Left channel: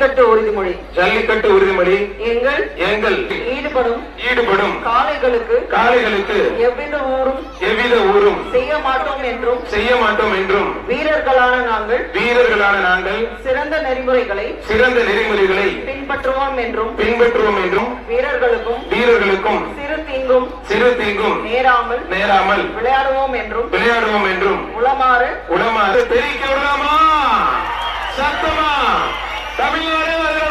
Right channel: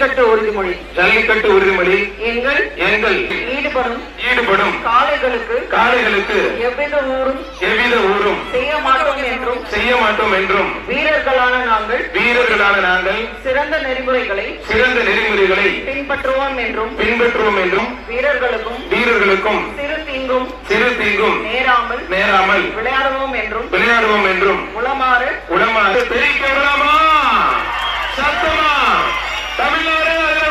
ஜல்லிக்கட்டு உறுதிமொழி எங்கள் ஈடுபடும் காளைகளுக்கு எவ்வித ஊரும் செய்ய மாட்டோம் என்றும் வீரர்களான நாங்கள் சிறந்த நெறிமுறைகளை பின்பற்றுவோம் என்றும் வீரர்களுக்கும் சிறு தீங்கும் நேராமல் விளையாடுவோம் என்றும் உளமாறு தெரிவிக்க விடாமா சத்தமா தமிழ்நாடு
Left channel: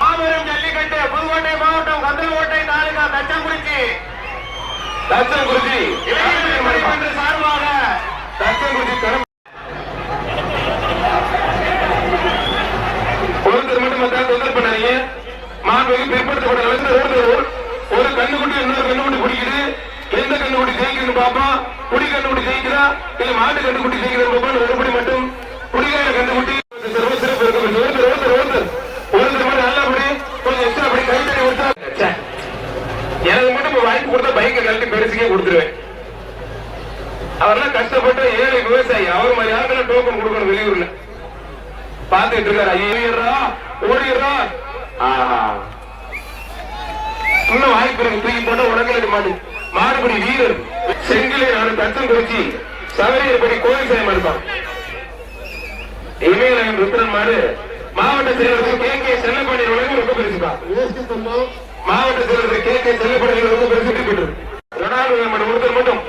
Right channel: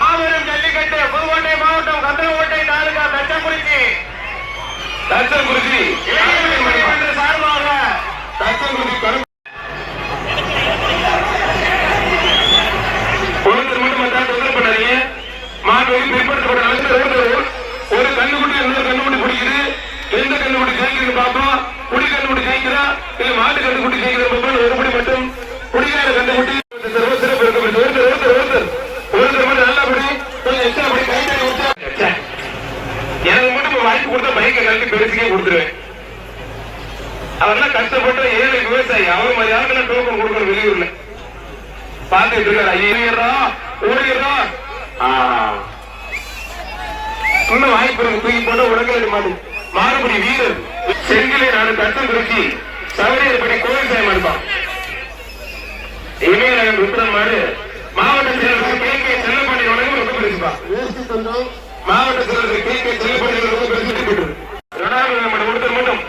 மாபெரும் ஜல்லிக்கட்டு புதுக்கோட்டை மாவட்டம் கந்தரக்கோட்டை தாலுகா தச்சங்குறிச்சி சார்பாக தச்சங்குறிச்சி கரம் ஒரு கண்ணுக்குட்டி இன்னொரு கண்ணுக்குட்டி பிடிக்குது. எந்த கண்ணுக்குட்டி ஜெயிக்குதுன்னு பார்ப்போம். குடி கண்ணுக்குட்டி ஜெயிக்குதா இல்ல மாட்டு கண்ணுக்குட்டி ஜெயிக்குதுன்னு பார்ப்போம். ஒருபடி மட்டும் குடிகார கண்ணுக்குட்டி சிறப்பு நல்லபடி கொஞ்சம் எக்ஸ்ட்ரா படி கை தண்ணி கொடுத்தா எனக்கு மட்டும் வாய்ப்பு கொடுத்தா பைக்கை கல்வி பெருசுக்கே கொடுத்துருவேன். அவர்லாம் கஷ்டப்பட்டு ஏழை விவசாயி அவர் மாதிரி யாருமே டோக்கன் கொடுக்கணும் வெளியூர்ல பாத்துட்டு இருக்காரு. ஓடிடுறா இன்னும் வாய்ப்பு தூக்கி போட்டு உடனே மாறுபடி வீரர் செங்கிலே நான் கத்தம் குறிச்சி சவரியப்படி கோயில் சாயம் இருப்பான். இனிமே நாங்கள் ருத்ரன் மாடு மாவட்ட செயலர்கள் கே செல்லப்படி ரொம்ப பெருசுப்பா. மாவட்ட செயலர்கள் கே செல்லப்படி ரொம்ப பெருசு மட்டும்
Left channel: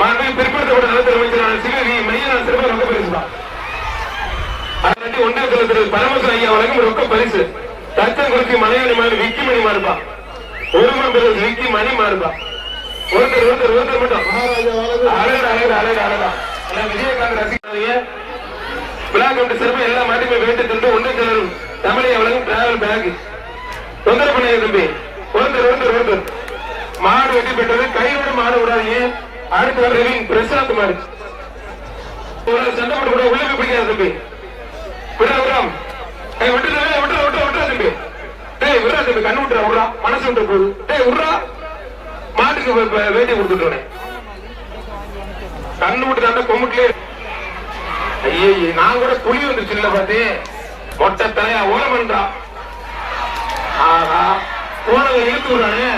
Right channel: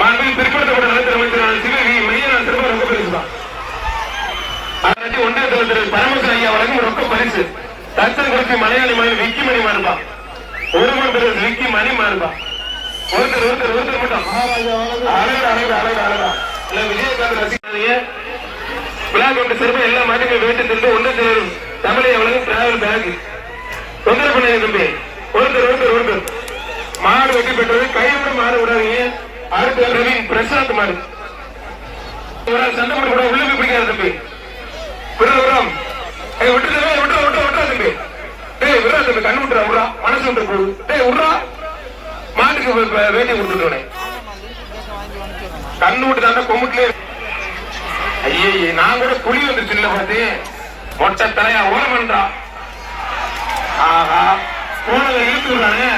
மாண்பு பிற்படுத்தப்பட்ட நலத்தர் சிவகி மையனா சிறப்பு ரொம்ப பெருசுப்பா. ஒன்றிய தலைவர் பரமச ஐயா வழங்கும் ரொக்க பரிசு தத்தம் குறிச்சி மலையாளி மலை விக்கி மணி மாறுபா. ஒரு விக்கி மணி மாறுபா. விஜயகாந்த் ரசிகர்களே விழா கமிட்டி சிறப்பு எல்லா மாற்றங்களும் வேண்டித்திருந்து ஒன்று சேரும் தமிழை வழங்கும் டிராவல் பேக் தொந்தரவு பண்ண தம்பி ஒருத்தர் மாடு வெட்டி பெற்றது கைவிட மாடு விடாதீங்க. அடுத்து ரவீன் பிரசாந்த் மாடு சண்டை போட கூட உள்ளே பிடிக்காது தம்பி. விடுறோம் விட்டு தம்பி. டேய் விடுறா தம்பி கண்ணு விட்டுறா விடுறா மனசு விட்டு போடு. டேய் விடுறா மாட்டுக்கு வேண்டி கொடுத்துட்டோனே கண்ணு விட்டு தாண்டா கொமுட்லயே. ஐயே நான் கூட புலி வந்துருச்சு இல்ல பார்த்தேன் மொட்டை தலையா ஓரமன்றா போனதை இழுத்து விடுறானே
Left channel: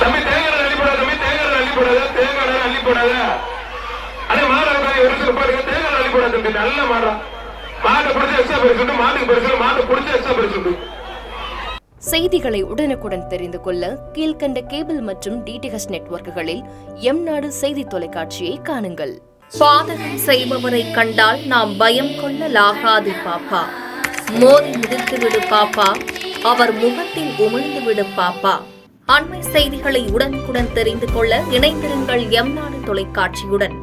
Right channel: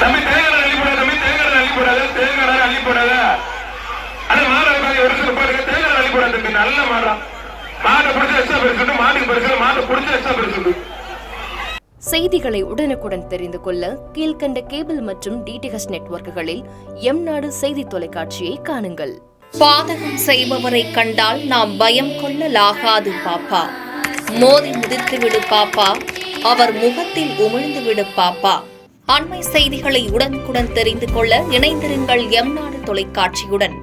தம்பி. தேங்காய் அள்ளி போடாத ஆனா மாடு ஒரு சில பேருக்கு தேங்காய் அள்ளி போடாது தம்பி. நல்ல மாடா மாட்டை பிடிச்ச எக்ஸ்ட்ரா பரிசு மாட்டுக்கு பரிசு மாட்டை பிடிச்ச எக்ஸ்ட்ரா பரிசு. செய்திகளை உடனுக்குடன் தெரிந்து கொள்ள கீழ்கண்ட கேபிள் மற்றும் டிடிஎச் நெட்வொர்க்குகளில் எம்நாடு செய்தி தொலைக்காட்சியை காணுங்கள். பாதகம் செய்பவரை கண்டால் நாம் பயம் கொள்ளலாகாது பாப்பா. மோதி மிதித்து விடு பாப்பா, அவர் முகத்தில் உமிழ்ந்து விடு பாப்பா. அண்மை செய்திகளை உடனுக்குடன் தெரிந்து கொள்ள இணைந்திருங்கள் எம்நாடு தொலைக்காட்சியுடன்.